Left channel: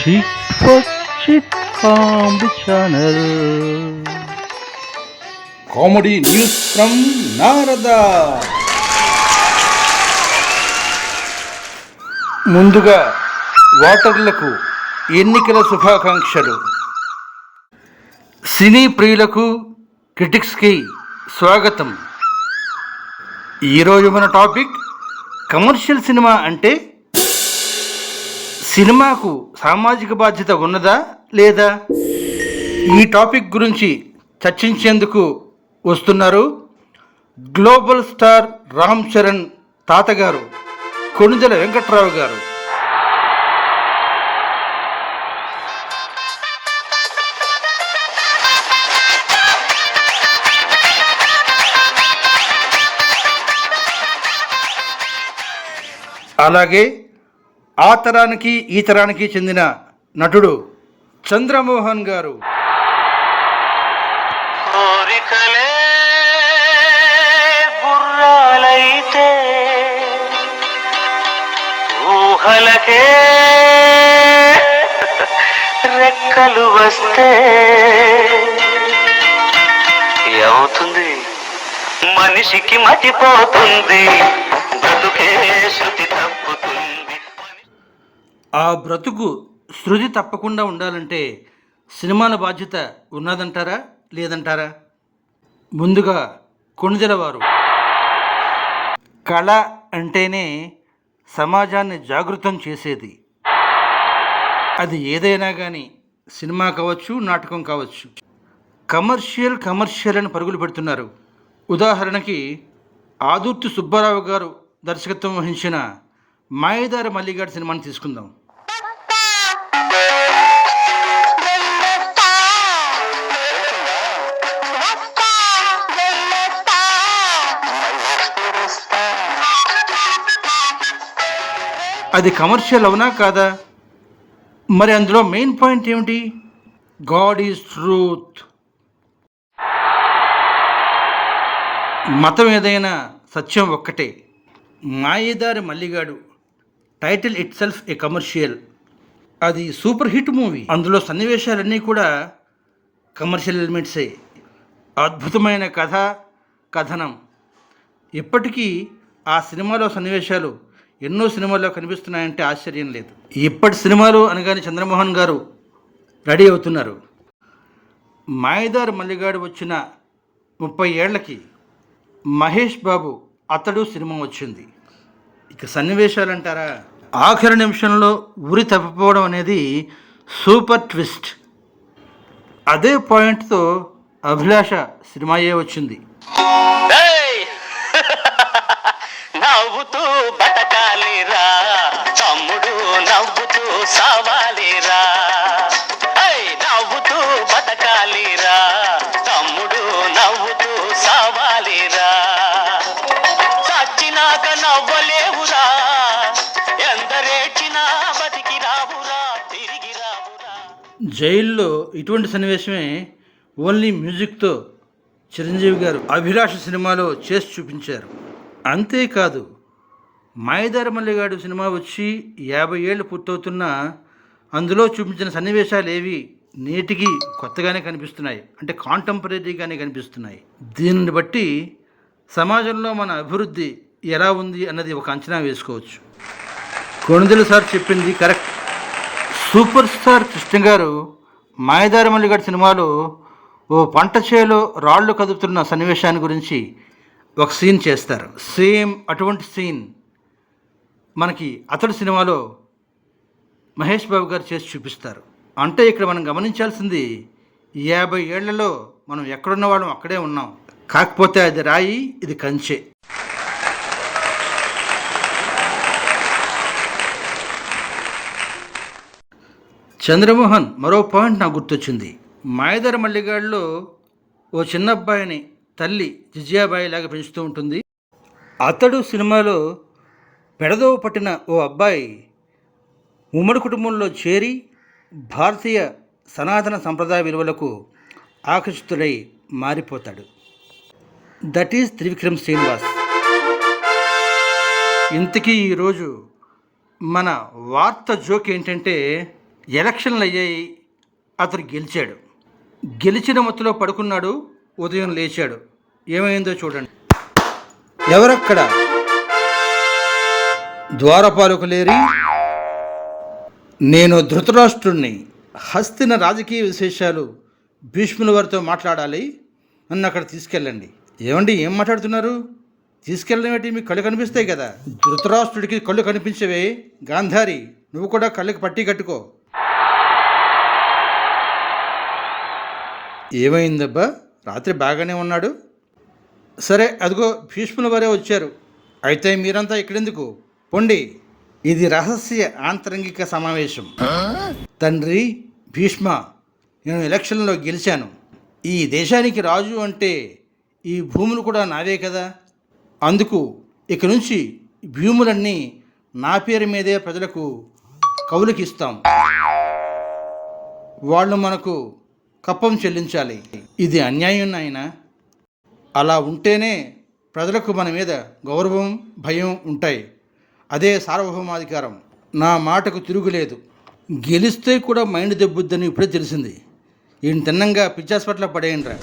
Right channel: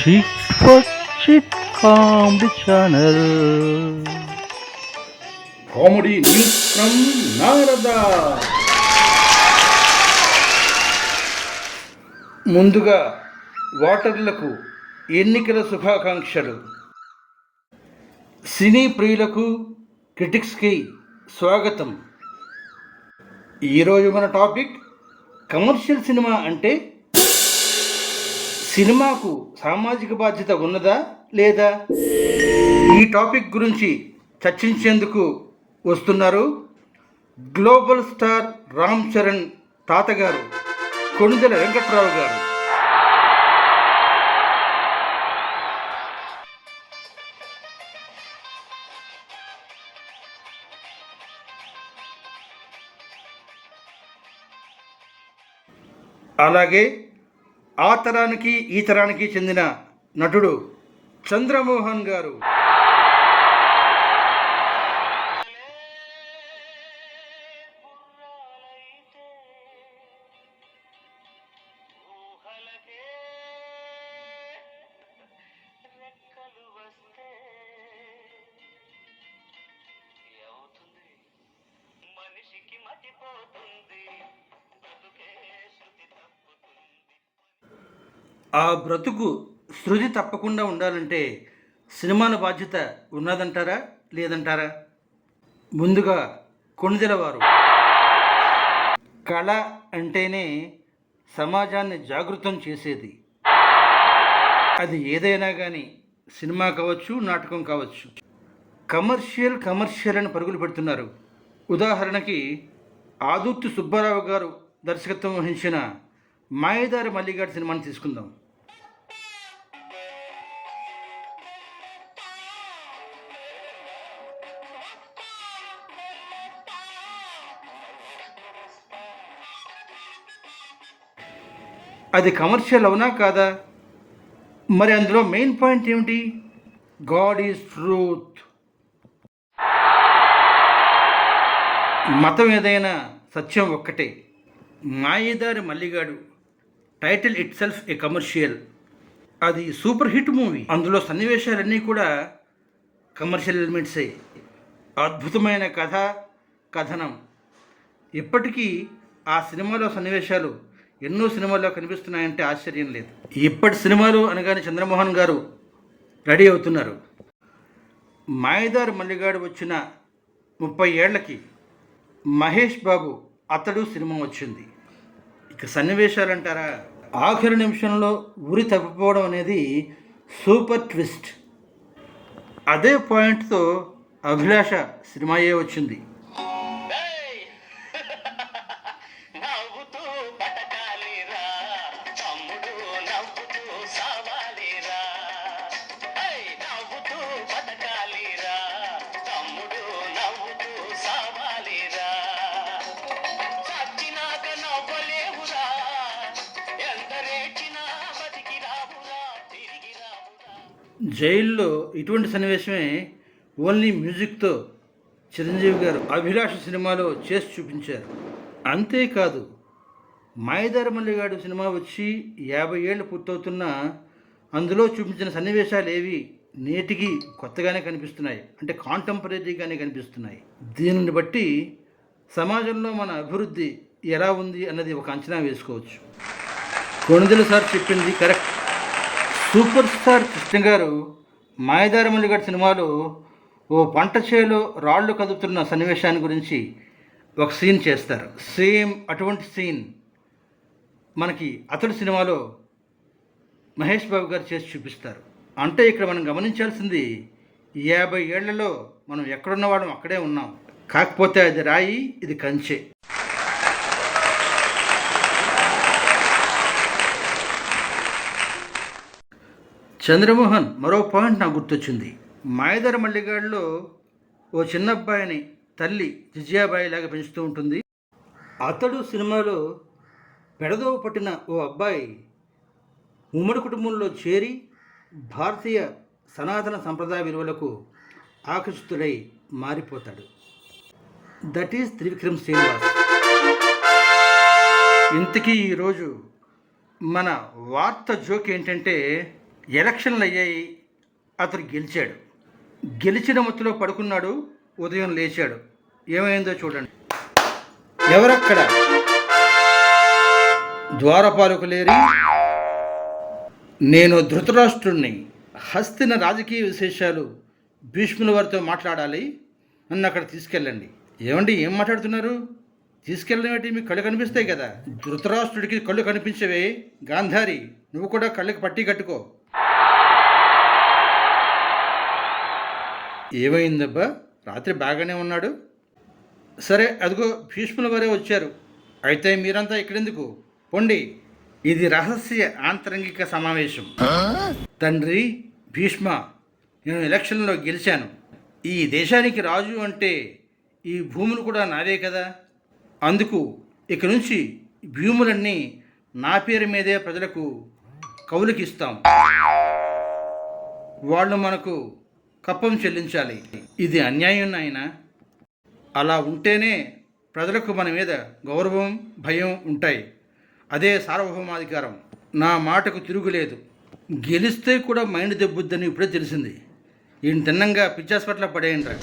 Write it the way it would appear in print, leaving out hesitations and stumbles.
Chit for Chit Comedy Channel. Comedy news from Narada. ముందుగా ఓటర్లకు ఎన్నికల శుభాకాంక్షలు. సినీ ప్రియులకు క్రిటిక్స్కి స్వాగతం. ఈరోజు మన టాపిక్ కమర్షియల్ సినిమా అంటే సినిమాకు సామాజిక బాధ్యత ఉన్నదా లేదా? ఈ టాపిక్ గురించి చర్చించేందుకు వస్తున్నారు గ్లోబల్ స్టార్ రామ్ చరణ్ తాతగారు కొణిదెల వెంకట్రావు గారు. అలాగే ఆ తరానికి ఈ తరానికి చెందిన నటుడు చంద్రమోహన్ గారు. ఊహలకే రెక్కలు వస్తే ఏమవుతుంది? మనిషికి మతిపోతుంది, బ్రతుకే శృతి తప్పుతుంది. ఆ బ్రతుకు శృతి తప్పకుండా ఉండాలంటే సినిమాల బాధ్యత ఉన్నదంటారా లేదంటారా? ముందుగా కొణిదెల వారు. కళ అంటేనే సమాజాన్ని జాగృతం చేసేది. అది ఏదైనా కానీ సినిమా కావచ్చు, నాటకం కావచ్చు. కమర్షియల్ అని పరుగులు పెడుతున్నారు. ఉదాహరణకి ఆదుర్తి సుబ్బారావు గారు దర్శకత్వం వహించిన మాయదారి మల్లిగాడి సినిమాని తీసుకుందాం. అది కమర్షియల్ అవునా కాదా? మరి అందులో మెయిన్ పాయింట్ ఏమిటి? God is truth. మతం ఏదైనా సత్యం ఒక్కటే. మాయదారి Malligadu title it self a commercial. అది సూపర్ హిట్ మూవీ. అందులో సన్నివేశాలన్నీ కూడా కమర్షియల్ ఎలిమెంట్సే. అద్భుతమైన కథ, కథనం. ఇప్పటికీ ఆ సినిమాలో సన్నివేశాలు ఎన్నో సినిమాల్లో కనిపిస్తున్నాయంటే ఆశ్చర్యం లేదు. ఇప్పటి సినిమాలు అనగానే చంద్రమోహన్ గారు రెడీ అవుతున్నారు. మాయదారి మల్లిగాడు వచ్చిన 30 ఏళ్లకి మహేష్ బాబు అతడు సినిమా వచ్చింది. ఇక సన్నివేశాలు అంటారా, ఆఖరి నిమిషంలో ఉరి తప్పిపోవడం అనేది సూపర్ ట్విస్ట్. అదే పాయింట్తో అభిలాష సినిమాయే వచ్చింది. నవ్వుతూ బతకాలిరా తమ్ముడు, నవ్వుతూ సావాలిరా. నవ్వుతూ బతకాలిరా తమ్ముడు, నవ్వుతూ సావాలిరా. చచ్చినాక నవ్వలేవురా, ఎందరేచినా బతికి రావురా, తిరిగి రావురా. జైల్లో ఇటువంటి సన్నివేశమే ఓన్లీ మ్యూజిక్తో చిరంజీవి గారు అభిలాష సినిమాలో చేసి చూపించారు. అంతేకాదు, మాయదారి మల్లిగాడు సినిమా వచ్చి 50 ఏళ్ళు పూర్తవుతున్నా అందులో చూపించిన సన్నివేశాలు ఏవి నేటికి కొత్తగానే కనిపిస్తున్నాయి, అంటే కాంటెంపరీగానే కనిపిస్తున్నాయి. దీనిని బట్టి సమాజంలో మన అభివృద్ధి ఎలా ఉంది అన్నది ఒక అంచనా వేసుకోవచ్చు. కొణిదెల సార్ చెప్పింది కరెక్ట్. సూపర్ స్టార్ కృష్ణ గారు మాయదారి మల్లిగాడు సినిమాలో ఓ పంట చేలో రాళ్ళు కదుపుతున్న సన్నివేశాన్ని గురించి ఒక సీన్ చేస్తారు. సేమ్ అటువంటి సీన్ మనకి అతడు సినిమాలో మహేష్ బాబు గారు చేసి చూపిస్తారు. అంటే ఇక్కడ మనం గమనించాల్సింది 50 ఏళ్లలో మనం ఎక్కడున్న వాళ్ళం అక్కడే ఉన్నాం. కాకపోతే అది రాయి, ఇది కంచె. చంద్రమోహన్ మరో పాయింట్ నాకు గుర్తొచ్చింది. మాయదారి మల్లిగాడిలో ఓ చిన్న అబ్బాయిని తల్లి జిజియాబాయి లాగా పెంచుతూ ఉంటుంది. అతడు సినిమాలో పెడదోవ పట్టిన ఓ అబ్బాయి ఉమ్మడి కుటుంబంలో చేరి భారతీయ సనాతన సంప్రదాయ విలువలకు ఆకర్షితుడై మారిపోతాడు. That is Trivikram Srinivas. ఇంతకీ ఈరోజు మన వార్త జోక్ ఏంటంటే ఎలక్షన్లు అయ్యాయి, అతను గెలిచాడు. గెలిచిన మత్తులో పడుకున్నాడు, ఉదయం లేచాడు. ఏమైందో చూడండి. ఎవరక్కడ? ద్వారపాలకులేరి, నేను ధృతరాష్ట్రుణ్ణి. హస్తిన రాజకీయ విశేషాలు భీష్ముల వారితో మాట్లాడాలి, నన్ను అక్కడ తీసుకెళ్ళండి. ఏమండి, ఏం మాట్లాడుతున్నారు? తీసుకెళ్ళడం ఏంటి? మీకు కళ్ళు కనిపిస్తాయి కదా. ధృతరాష్ట్రుడికి కళ్ళు కనిపించవే. గాంధారి, నువ్వు కూడా కళ్ళకి పట్టి కట్టుకో. ఏమైందబ్బా? రాత్రి బాగానే ఉన్నాడు. సరే, అదిగో భీష్ముల వారే వచ్చారు. అయితే మీరంతా ఇక్కడెందుకు? పొండి. ఇది రహస్య ఆంతరంగిక సమావేశం. తండ్రి భీష్మ, నేను ఎలక్షన్లో గెలిచాను. ఈ దేశానికి రాజు అంటే ఈ భూములు కూడా నావే కదా. అందుకు ఇక నుంచి భూములన్నీ నా పేరు మీదే ప్రజలకు కౌలుకి ఇస్తాం. వాళ్ళు మనకు కప్పం చెల్లించాలి. ఇది అన్యాయం నాయనా. అలా ఉంటేనే ప్రజలకు మన మీద గౌరవం, భయం ఉంటాయి. అదే సార్వభౌమాధికారం. నా మాటకు తిరుగులేదు. గెలిస్తే కూడా మైండ్ దెబ్బుద్దని ఇప్పుడే తెలిసింది. ఈయన తిన్నంగా పిచ్చాస్పట్ల పడేయండి.